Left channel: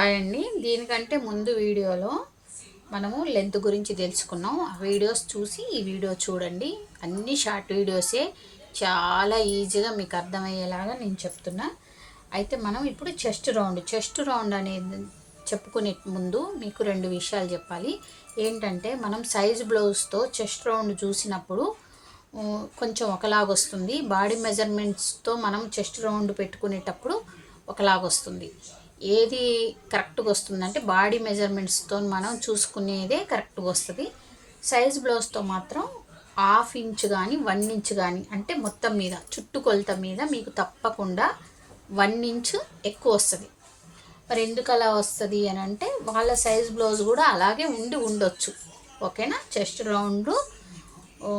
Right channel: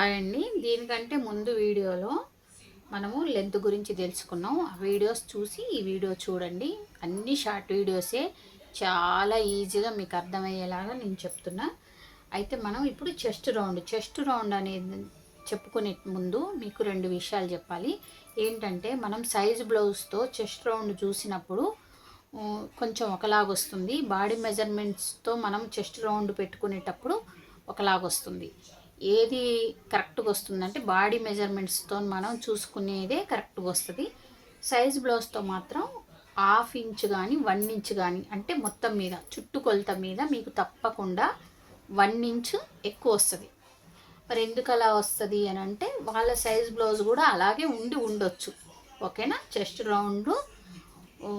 Hi అండి. దీనికంటే ముందు వీడియోలో మనము లెంత్ గురించి తెలుసుకున్నాం. ఆ వీడియోస్ చూసి ఈ వీడియో చూడండి. అన్ని షార్ట్ వీడియోసే, చాలా ఈజీగా మీకు అర్థమయ్యేలాగా నేను చెప్తున్నా. అయితే మనం ఇప్పుడు చెస్ట్ రౌండ్ అనేది చెప్పుకునే ముందు మీకు రెండు విషయాలు చెప్పాలి. ఏంటంటే మనం సైజ్ బ్లౌజ్తో చెస్ట్ రౌండ్ చూసినప్పుడు కొంచెం ఒకలాగొస్తుంది. బాడీ మెజర్మెంట్స్తో మనం చెస్ట్ రౌండ్ పెట్టుకునేటప్పుడు ఒకలాగొస్తుంది. ఏది కరెక్ట్గా వస్తుందంటే బాడీ మెజర్మెంట్స్తో మనం చూసుకునేదే కరెక్ట్గా వస్తుంది. సైజ్ బ్లౌజ్తో మాత్రం 1/2 ఇంచ్ కానీ 1 ఇంచ్ కానీ, అంటే మొత్తం మీద చుట్టుకొలత మీద మీకు తప్పకుండా 1 ఇంచ్ ఎక్కువ వస్తుంది. మరి ఎందుకు అలా వస్తుంది అని అంటే వాళ్ళ సైజ్ బ్లౌజ్ కూడా అలాగే ఉండొచ్చు. ఓకేనా. చెస్ట్ రౌండ్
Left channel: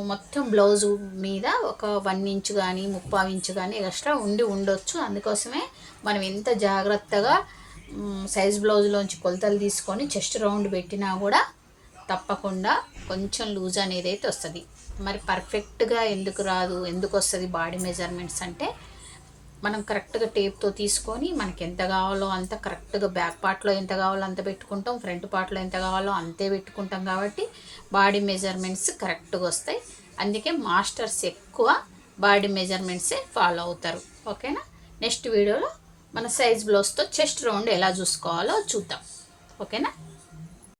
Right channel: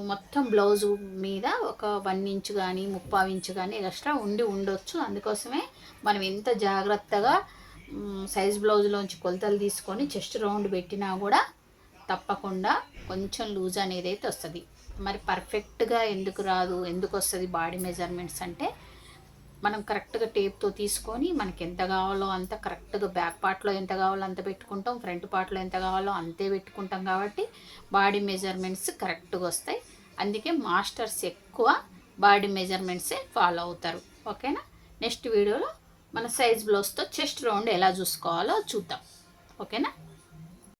మొత్తం బ్లౌజు మీద ఒక 1 ఇంచ్ కానీ 3/4 ఇంచ్ కానీ ఎక్స్ట్రా ఉండొచ్చు. అందుకోసమే మనం ఎంత జాగ్రత్తగా సైజ్ బ్లౌజ్లోంచి కొలతలు తీసుకొని చెస్ట్ రౌండ్ పెట్టినా కూడా తప్పకుండా కొంచెం లూజ్ అనేది అయితే వస్తుంది. మరి పర్ఫెక్ట్గా ఎందుకు రాదు, ఎందుకు వస్తుంది బాడీ మెజర్మెంట్స్ అంటే మనం కరెక్ట్గా టేప్తో తీసుకొని మనకి ఎంత కావాలో అంత కరెక్ట్గా బ్యాక్ పార్ట్లో ఎంత కావాలో అంత పెట్టుకుంటాం, ఫ్రంట్ పార్ట్లో ఎంత కావాలో అంతే పెట్టుకుంటాం. కాబట్టి బాడీ మెజర్మెంట్స్ కరెక్ట్గా వస్తాయి. అందుకే మాస్టర్స్ ఎక్కువ బాడీ మెజర్మెంట్సే ఫాలో అవుతారు. ఓకేనా. నెక్స్ట్ వీడియోలో మన సైజ్ బ్లౌజ్తో చెస్ట్ రౌండ్ ఎలా చూసుకోవాలో చూద్దాం. ఓకేనా.